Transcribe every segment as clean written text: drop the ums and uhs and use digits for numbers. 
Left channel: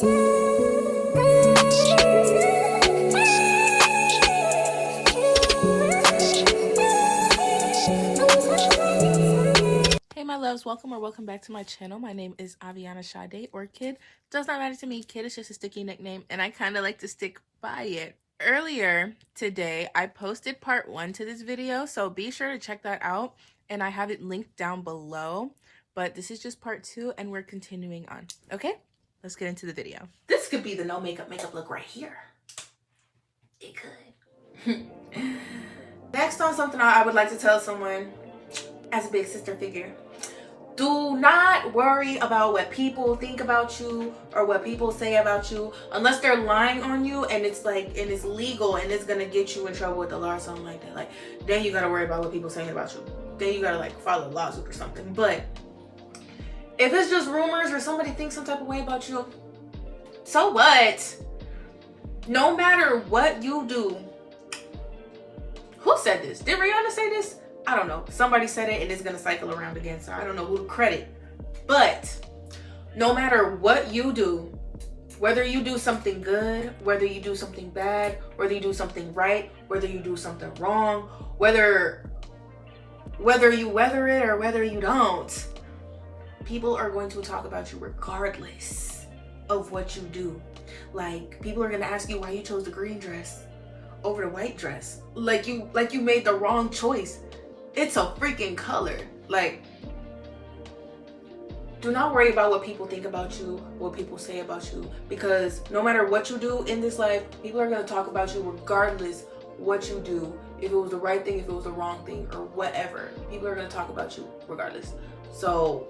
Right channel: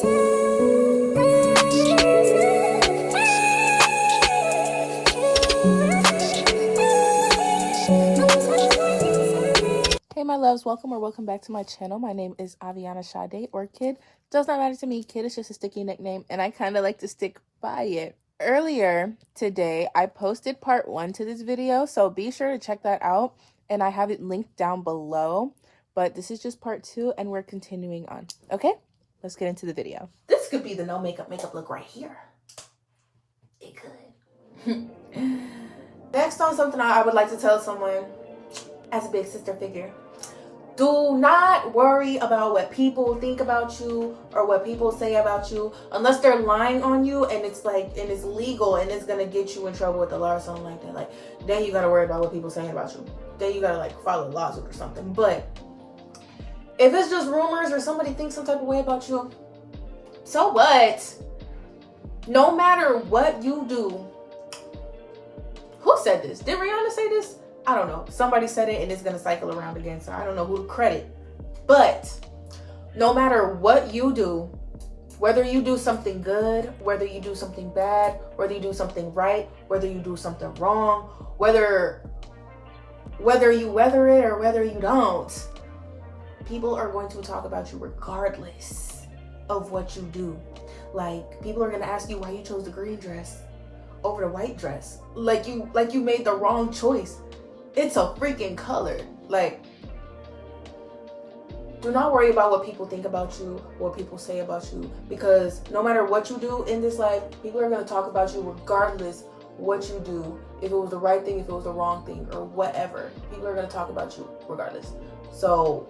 Hey my loves, welcome back to my channel. My name is Avyanna Shada, or Kid. Does not matter to me. Kid is just a sticky nickname and I kind of like to stick by it. Earlier today, I posted part 1 to this video, so be sure to check that out and I have it linked down below. But this is just part 2 and we're continuing on. Okay, let's get into the video. This could be the no makeup look right here. It could. Next on something I would like to tell someone as a big sister figure. Do not worry about what people think about you or what people say about you, unless they're lying on you and it's legal and it's gonna get you in trouble with the law or something like that. Like, then you gotta worry about what people saying about you. Then you gotta like file a lawsuit or something. But if it's just rumors or somebody thinks some type of way about you, so what? No matter what you do. Who said this? Did Rihanna say this? I don't know. Somebody said it and it's gonna cycle around again, so I don't know who to credit. But no matter what you do, whether you do something good, whether you do something bad, whether you do something right, whether you do something wrong, whether you weather it or whether you don't, people are going to talk about you regardless of what you do. Like, people are gonna ask you why you chose the green dress over the white dress. Like you made the wrong choice. It's a freaking color. Like, do not worry about what people think about you, what people say about you, because no matter what you do in this life, people are going to talk about you regardless what you do. If it was the right thing, if it was the wrong thing, or whatever, people are going to talk about you regardless. So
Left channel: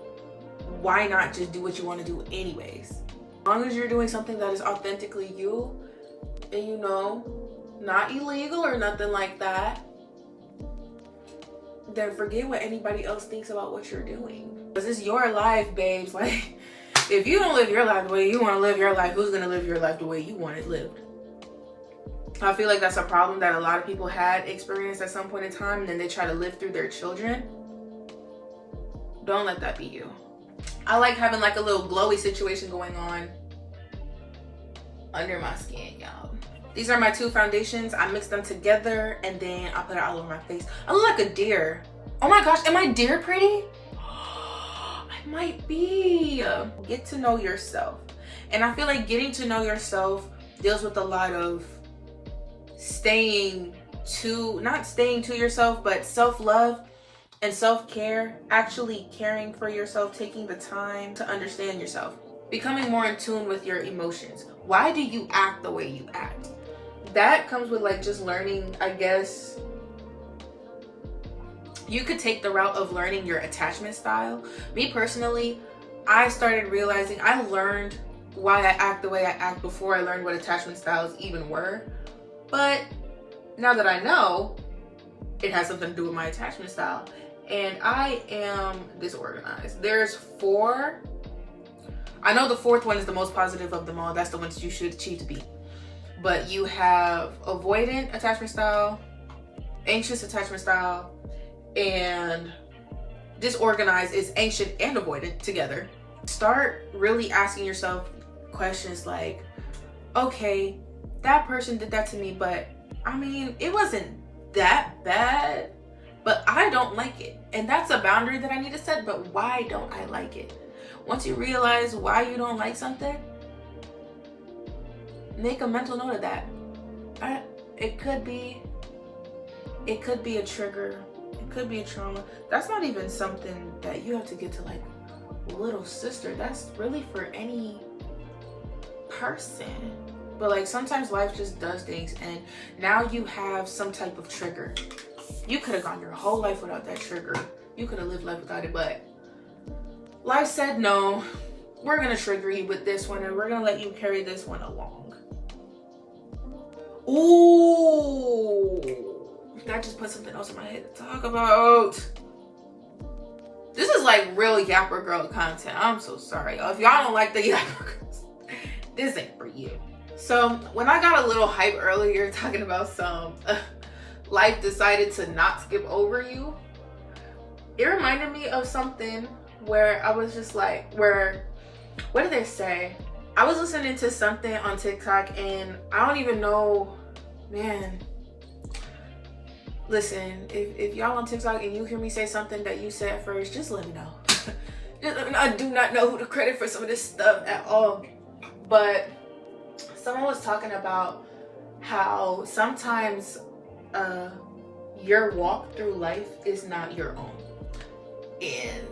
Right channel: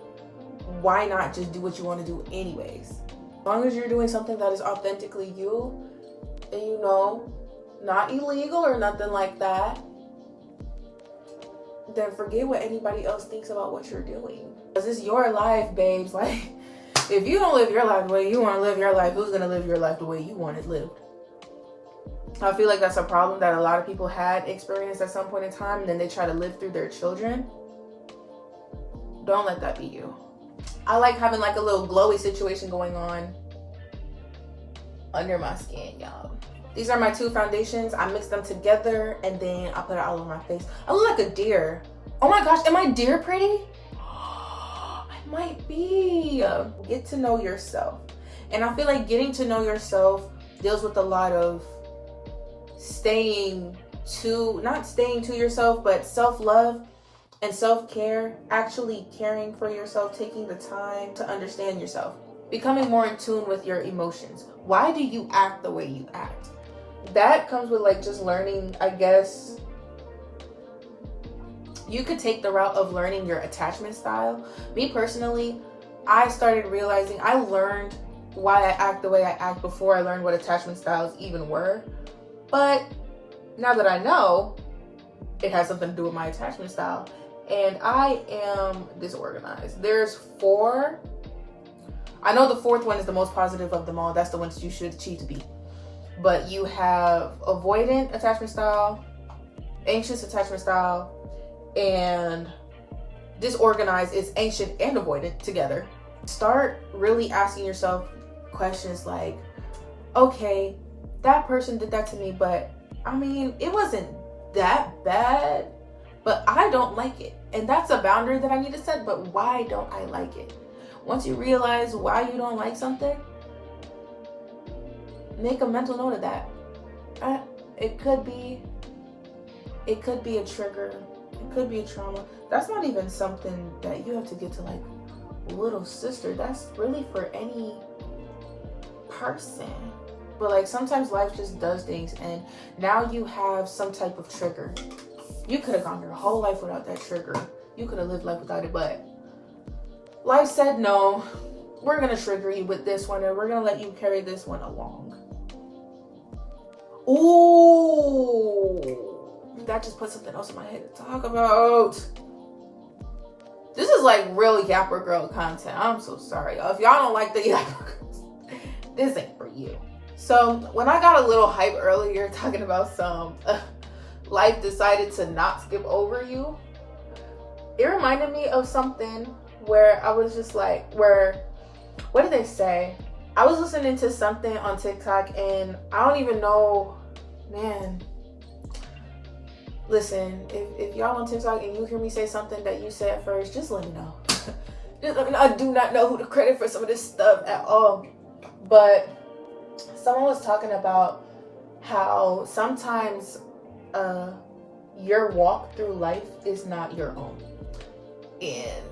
why not just do what you want to do anyways? As long as you're doing something that is authentically you, and you know, not illegal or nothing like that, then forget what anybody else thinks about what you're doing. Because it's your life, babes. Like, if you don't live your life the way you want to live your life, who's going to live your life the way you want it lived? I feel like that's a problem that a lot of people had experienced at some point in time, and then they try to live through their children. Don't let that be you. I like having like a little glowy situation going on under my skin, y'all. These are my 2 foundations. I mix them together and then I put it all over my face. I look like a deer. Oh my gosh, am I deer pretty? I might be. Get to know yourself. And I feel like getting to know yourself deals with a lot of not staying to yourself, but self-love and self-care, actually caring for yourself, taking the time to understand yourself, becoming more in tune with your emotions. Why do you act the way you act? That comes with like just learning, I guess. You could take the route of learning your attachment style. Me personally, I started realizing, I learned why I act the way I act before I learned what attachment styles even were. But now that I know, it has something to do with my attachment style. And I am disorganized. There's 4. I know the 4th one is the most positive of them all. That's the ones you should achieve to be. But you have avoidant attachment style, anxious attachment style, and disorganized is anxious and avoidant together. Start really asking yourself questions like, okay, that person did that to me, but I mean, it wasn't that bad, but I don't like it. And that's a boundary that I need to set, but why don't I like it? Once you realize why you don't like something, make a mental note of that. It could be a trigger. It could be a trauma. That's not even something that you have to get to like little sister. That's really for any person. But like sometimes life just does things and now you have some type of trigger. You could have gone your whole life without that trigger. You could have lived life without it, but life said no. We're gonna trigger you with this one and we're gonna let you carry this one along. Ooh, that just put something else in my head to talk about. This is like real Yapper Girl content. I'm so sorry, y'all. If y'all don't like the Yapper Girls, this ain't for you. So when I got a little hype earlier talking about some life decided to not skip over you, it reminded me of something where I was just like, what did they say? I was listening to something on TikTok and I don't even know, man. Listen, if y'all on TikTok and you hear me say something that you said first, just let me know. Just let me know. I do not know who to credit for some of this stuff at all. But someone was talking about how sometimes your walk through life is not your own. And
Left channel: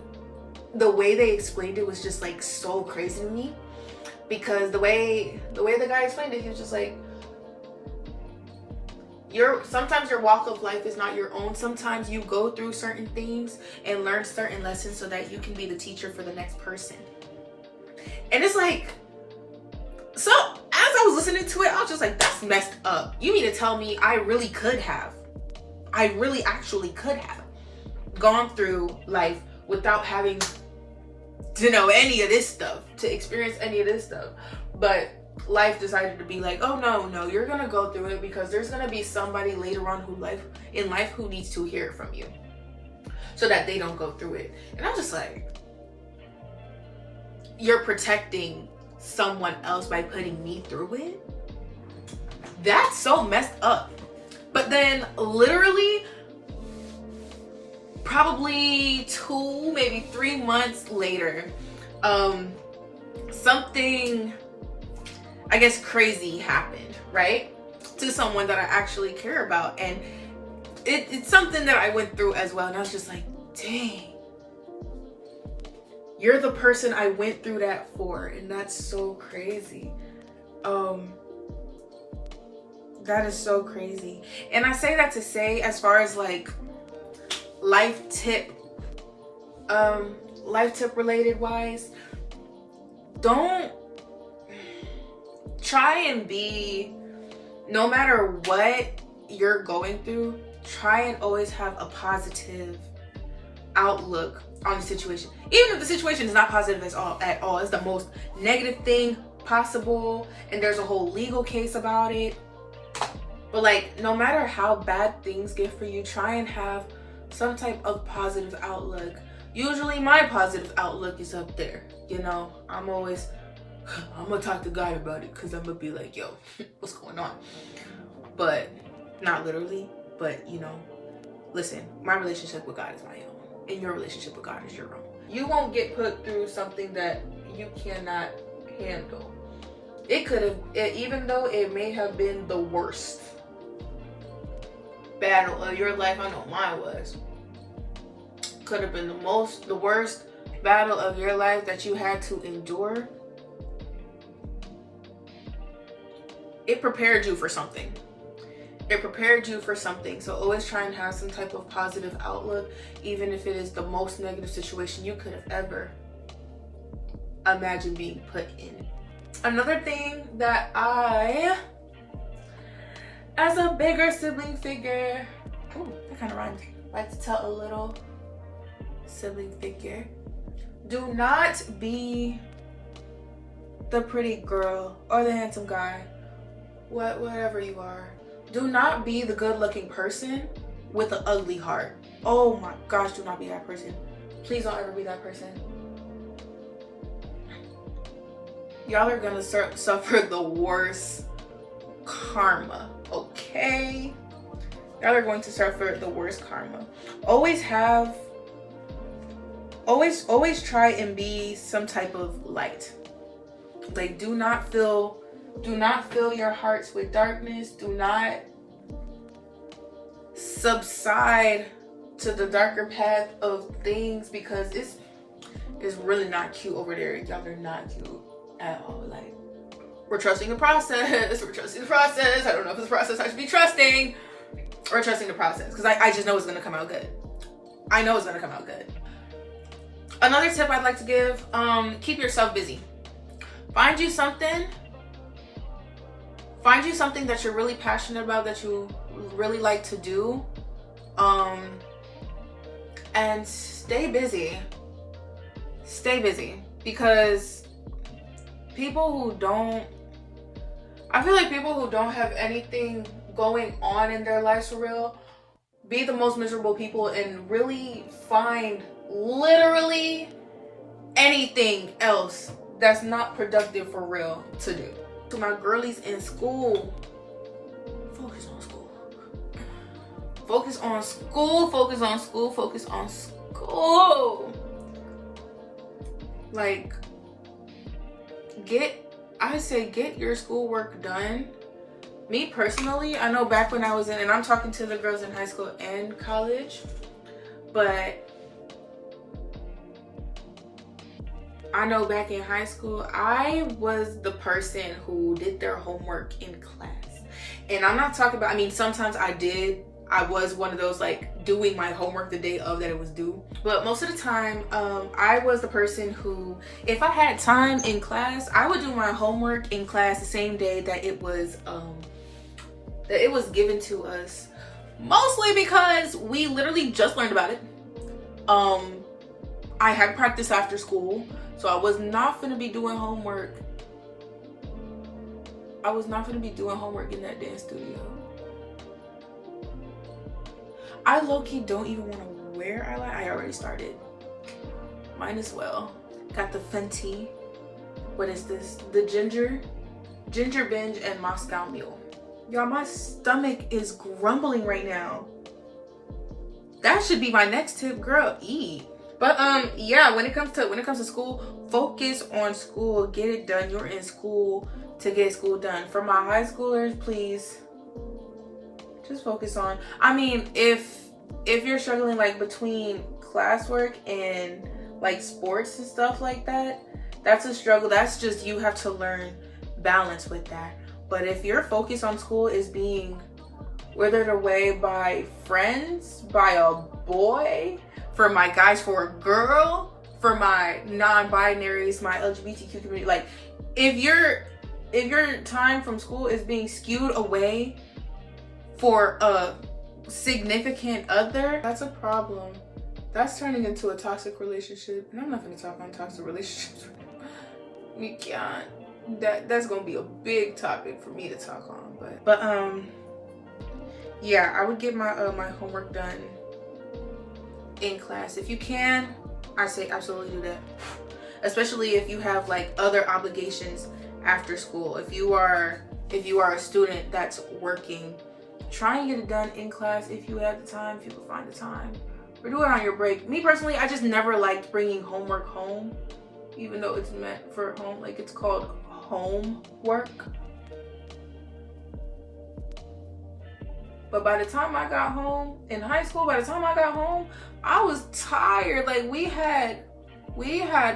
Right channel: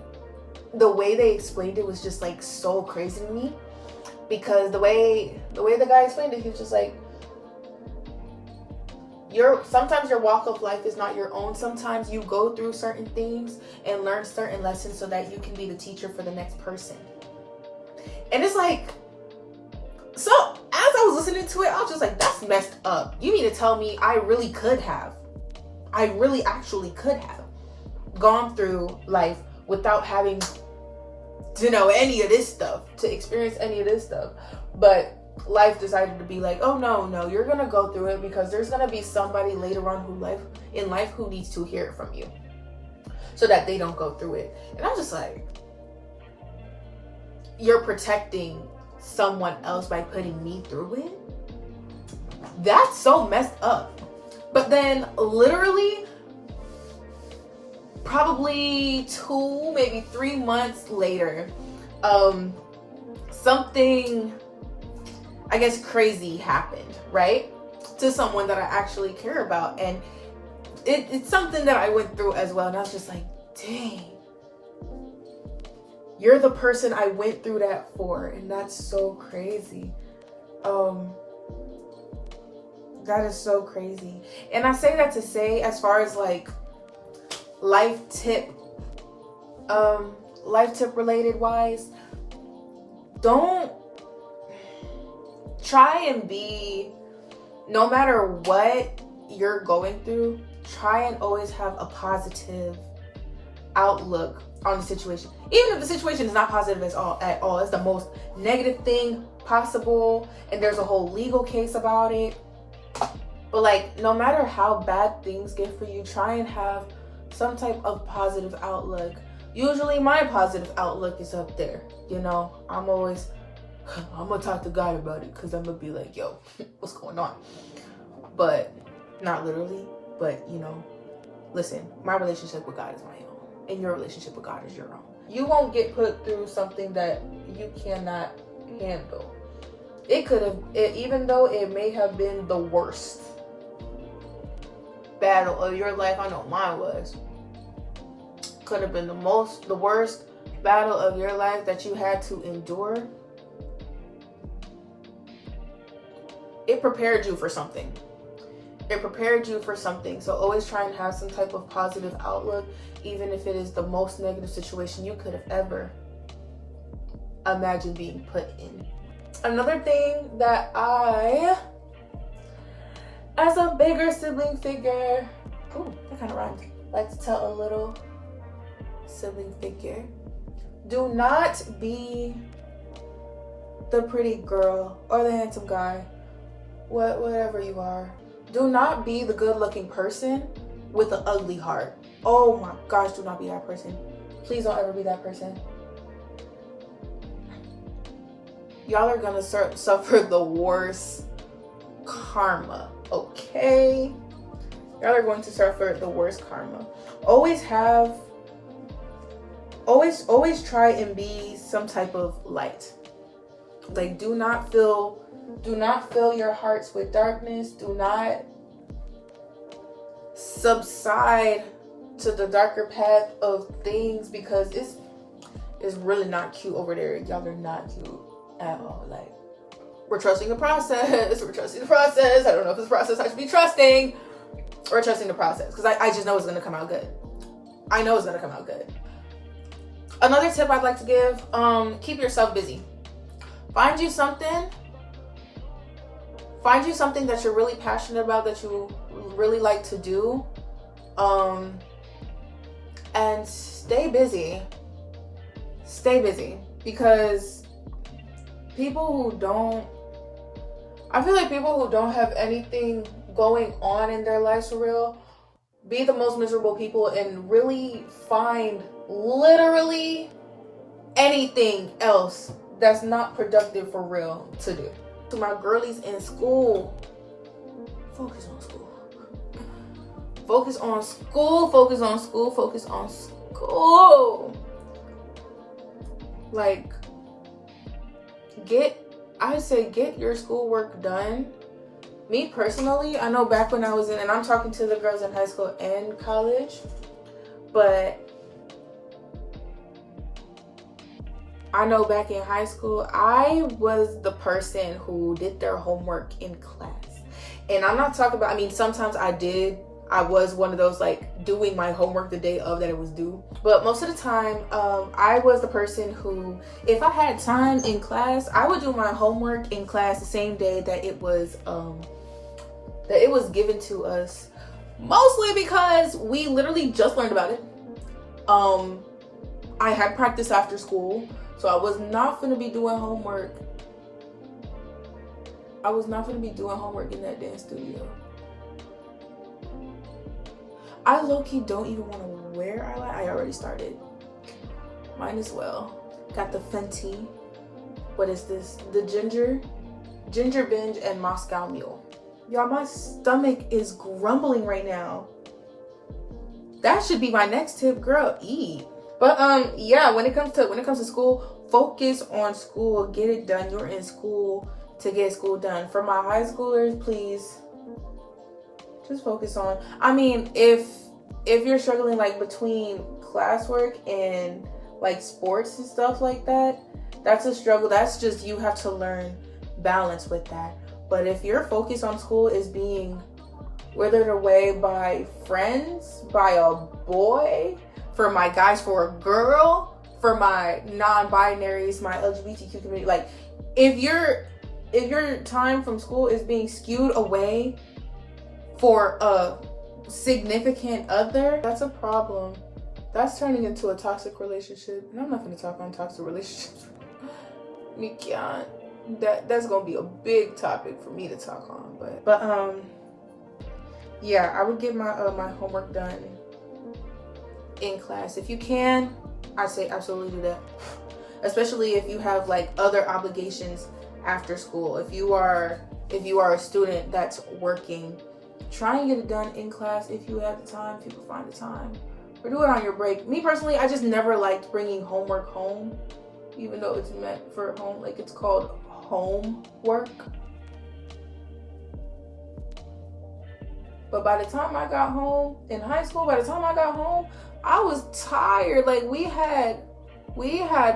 the way they explained it was just like so crazy to me. Because the way the guy explained it, he was just like, sometimes your walk of life is not your own. Sometimes you go through certain things and learn certain lessons so that you can be the teacher for the next person. And it's like, so as I was listening to it, I was just like, that's messed up. You mean to tell me I really actually could have gone through life without having to know any of this stuff, to experience any of this stuff. But life decided to be like, oh no, you're gonna go through it because there's gonna be somebody later on in life who needs to hear it from you so that they don't go through it. And I'm just like, you're protecting someone else by putting me through it? That's so messed up. But then literally probably 2, maybe 3 months later, something, I guess, crazy happened, right? To someone that I actually care about. And it's something that I went through as well. And I was just like, dang, you're the person I went through that for. And that's so crazy. That is so crazy. And I say that to say, as far as like life tip related wise, don't try and be, no matter what you're going through, try and always have a positive outlook on the situation. Even if the situation is not positive at all, it's the most negative thing possible and there's a whole legal case about it. But like, no matter how bad things get for you, try and have some type of positive outlook. Usually my positive outlook is up there. You know, I'm gonna talk to God about it because I'm gonna be like, yo, what's going on? But not literally, but you know, listen, my relationship with God is my own and your relationship with God is your own. You won't get put through something that you cannot handle. Even though it may have been the worst battle of your life, I know mine was, could have been the worst battle of your life that you had to endure. It prepared you for something. So always try and have some type of positive outlook, even if it is the most negative situation you could have ever imagined being put in. Another thing that I, as a bigger sibling figure, that kind of rhymed, like to tell a little sibling figure, do not be the pretty girl or the handsome guy, whatever you are. Do not be the good-looking person with an ugly heart. Oh my gosh, do not be that person. Please don't ever be that person. Y'all are gonna suffer the worst karma, okay? Y'all are going to suffer the worst karma. Always try and be some type of light. Like, do not fill your hearts with darkness. Do not subside to the darker path of things, because it's really not cute over there. Y'all are not cute at all. Like, we're trusting the process. We're trusting the process. I don't know if it's a process I should be trusting. We're trusting the process because I just know it's gonna come out good. I know it's gonna come out good. Another tip I'd like to give, keep yourself busy. Find you something that you're really passionate about, that you really like to do, and stay busy, because people who don't have anything going on in their lives for real be the most miserable people and really find literally anything else that's not productive for real to do. To my girlies in school, focus on school. Focus on school, focus on school, focus on school. Like, get your schoolwork done. Me personally, I know back when I was in, and I'm talking to the girls in high school and college, but I know back in high school, I was the person who did their homework in class. And I'm not talking about, I mean, sometimes I was one of those, like, doing my homework the day of that it was due. But most of the time, I was the person who, if I had time in class, I would do my homework in class the same day that it was given to us. Mostly because we literally just learned about it. I had practice after school, so I was not gonna be doing homework. I was not gonna be doing homework in that dance studio. I low-key don't even want to wear eyeliner. I already started. Might as well. Got the Fenty. What is this? The Ginger Binge and Moscow Mule. Y'all, my stomach is grumbling right now. That should be my next tip, girl. Eat. But yeah, when it comes to school, focus on school. Get it done. You're in school to get school done. For my high schoolers, please just focus on, I mean, if you're struggling like between classwork and like sports and stuff like that, that's a struggle. That's just, you have to learn balance with that. But if your focus on school is being withered away by friends, by a boy, for my guys, for a girl, for my non-binaries, my LGBTQ community, like if your time from school is being skewed away for a significant other, that's a problem. That's turning into a toxic relationship. And I'm not going to talk on toxic relationships. We can't. That's going to be a big topic for me to talk on. But yeah, I would get my my homework done in class. If you can, I say absolutely do that. Especially if you have like other obligations after school. If you are a student that's working, try and get it done in class if you have the time, if you can find the time. Or do it on your break. Me personally, I just never liked bringing homework home, even though it's meant for home. Like, it's called homework. But by the time I got home in high school, I was tired. Like, we had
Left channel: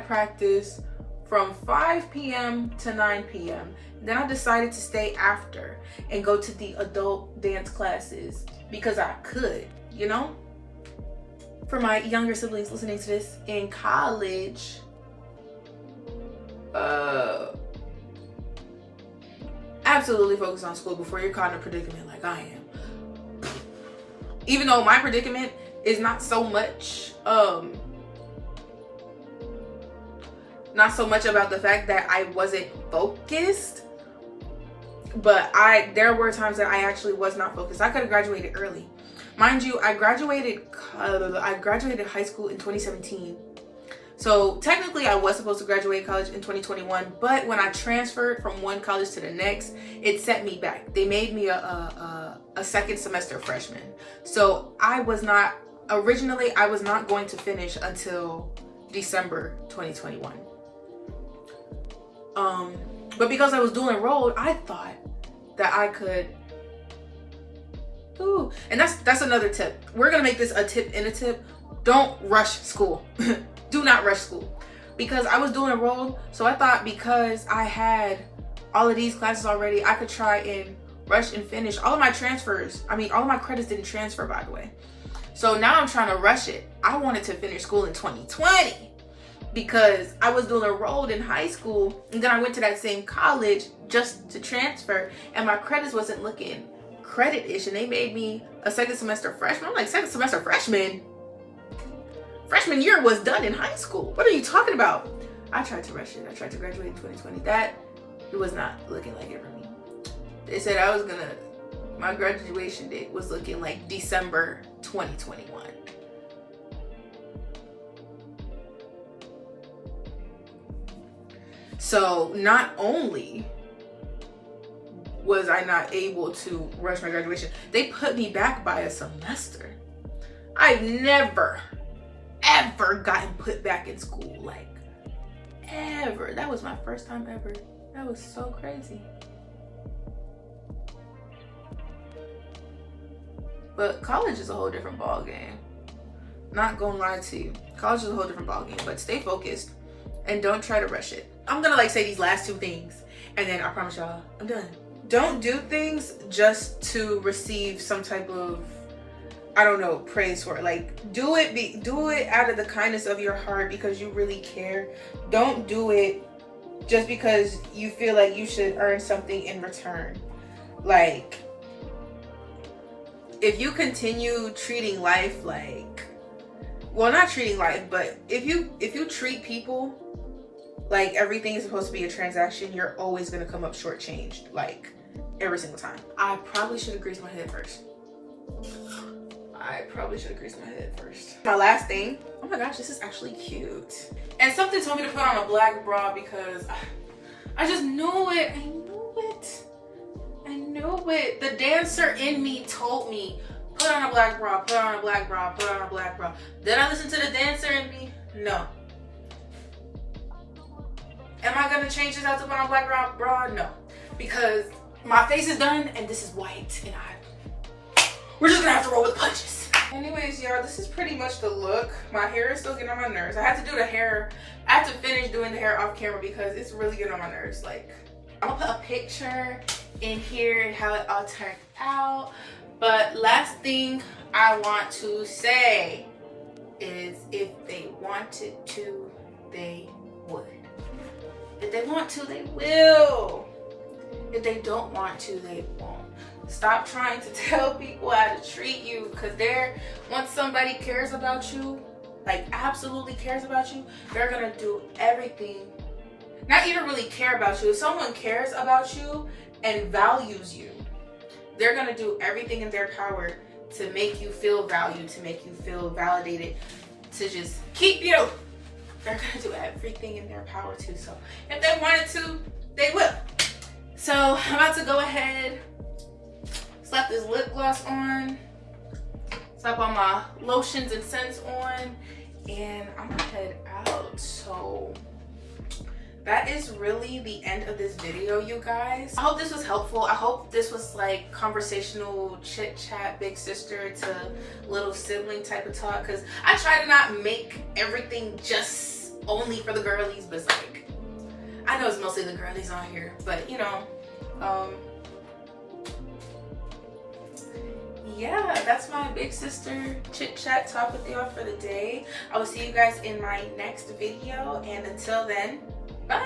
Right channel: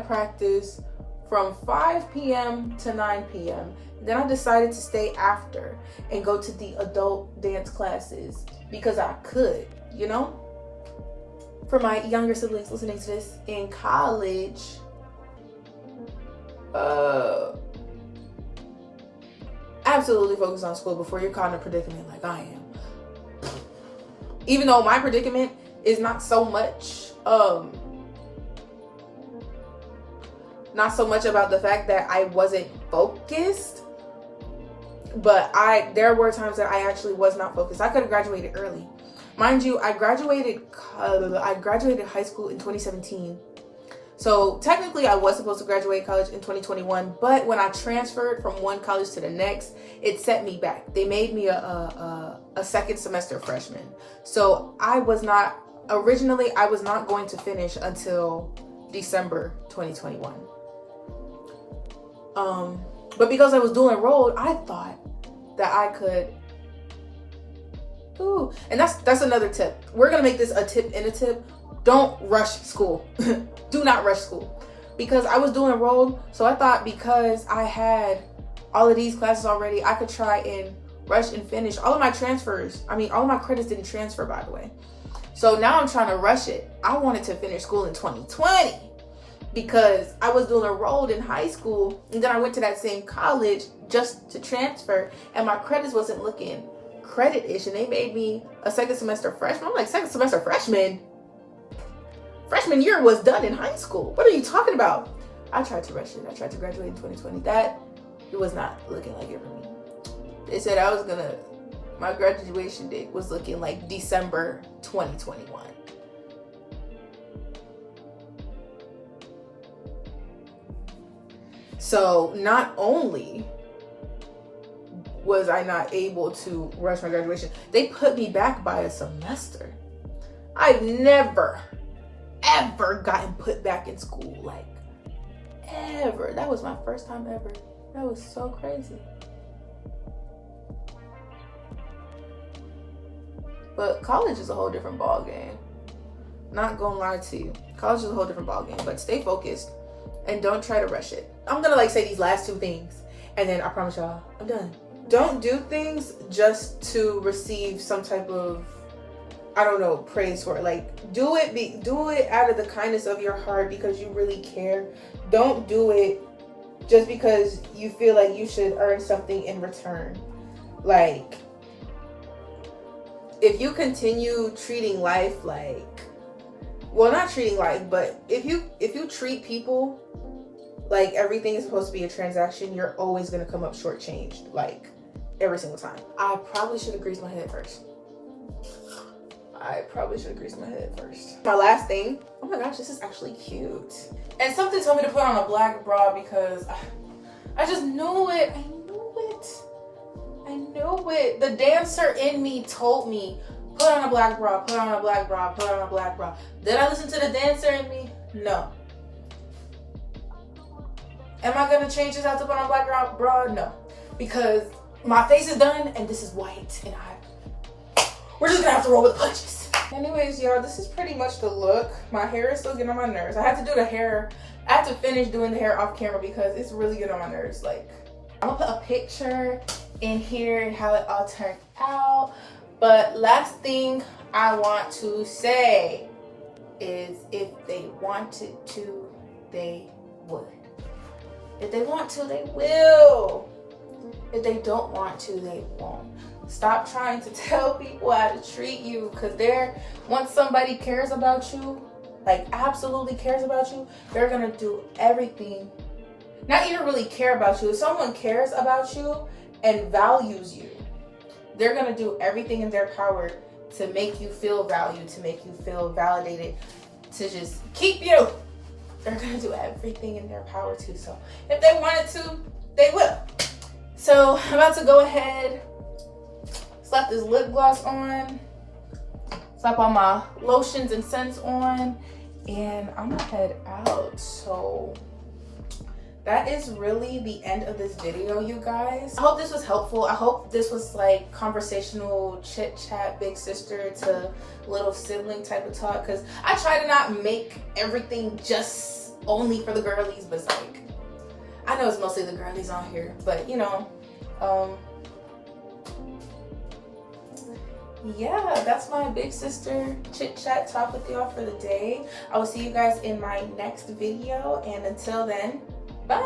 practice from 5 p.m. to 9 p.m. Then I decided to stay after and go to the adult dance classes because I could, you know? For my younger siblings listening to this in college, absolutely focus on school before you're caught in a predicament like I am. Even though my predicament is not so much about the fact that I wasn't focused, but there were times that I actually was not focused. I could have graduated early. Mind you, I graduated high school in 2017. So technically I was supposed to graduate college in 2021, but when I transferred from one college to the next, it set me back. They made me a second semester freshman. So I was not going to finish until December 2021. But because I was dual enrolled, I thought that I could. Ooh, and that's another tip. We're gonna make this a tip in a tip. Don't rush school. Do not rush school. Because I was dual enrolled, so I thought because I had all of these classes already, I could try and rush and finish all of my transfers. I mean, all of my credits didn't transfer, by the way. So now I'm trying to rush it. I wanted to finish school in 2020. Because I was dual enrolled in high school, and then I went to that same college just to transfer, and my credits wasn't looking credit-ish, and they made me a second semester freshman. I'm like, second semester freshman? Freshman year was done in high school. What are you talking about? I tried to rush it. I tried to graduate in 2020. It was not looking like it for me. They said my graduation date was looking like December 2021. So not only was I not able to rush my graduation, they put me back by a semester. I've never, ever gotten put back in school, like ever. That was my first time ever. That was so crazy. But college is a whole different ball game. Not gonna lie to you. College is a whole different ball game, but stay focused and don't try to rush it. I'm gonna say these last two things and then I promise y'all I'm done. Don't do things just to receive some type of, I don't know, praise for it. Like do it out of the kindness of your heart because you really care. Don't do it just because you feel like you should earn something in return. Like, if you continue treating life like, well, not treating life, but if you treat people like everything is supposed to be a transaction, you're always gonna come up shortchanged, like every single time. I probably should have greased my head first. My last thing, oh my gosh, this is actually cute. And something told me to put on a black bra because I just knew it. I knew it. The dancer in me told me, put on a black bra, put on a black bra, put on a black bra. Did I listen to the dancer in me? No. Am I gonna change this out to put on a black bra? No. Because my face is done and this is white and we're just gonna have to roll with the punches. Anyways, y'all, this is pretty much the look. My hair is still getting on my nerves. I have to do the hair. I have to finish doing the hair off camera because it's really getting on my nerves. Like, I'm gonna put a picture in here and how it all turned out. But last thing I want to say is if they wanted to, they would. If they want to, they will. If they don't want to, they won't. Stop trying to tell people how to treat you, because once somebody cares about you, like absolutely cares about you, they're gonna do everything. Not even really care about you. If someone cares about you and values you, they're gonna do everything in their power to make you feel valued, to make you feel validated, to just keep you. They're gonna do everything in their power to. So if they wanted to, they will. So I'm about to go ahead, slap this lip gloss on, slap all my lotions and scents on, and I'm gonna head out. So that is really the end of this video, you guys. I hope this was helpful. I hope this was like conversational chit chat, big sister to little sibling type of talk, because I try to not make everything just only for the girlies, but it's like, I know it's mostly the girlies on here, but you know, yeah, that's my big sister chit chat talk with y'all for the day. I will see you guys in my next video, and until then, bye.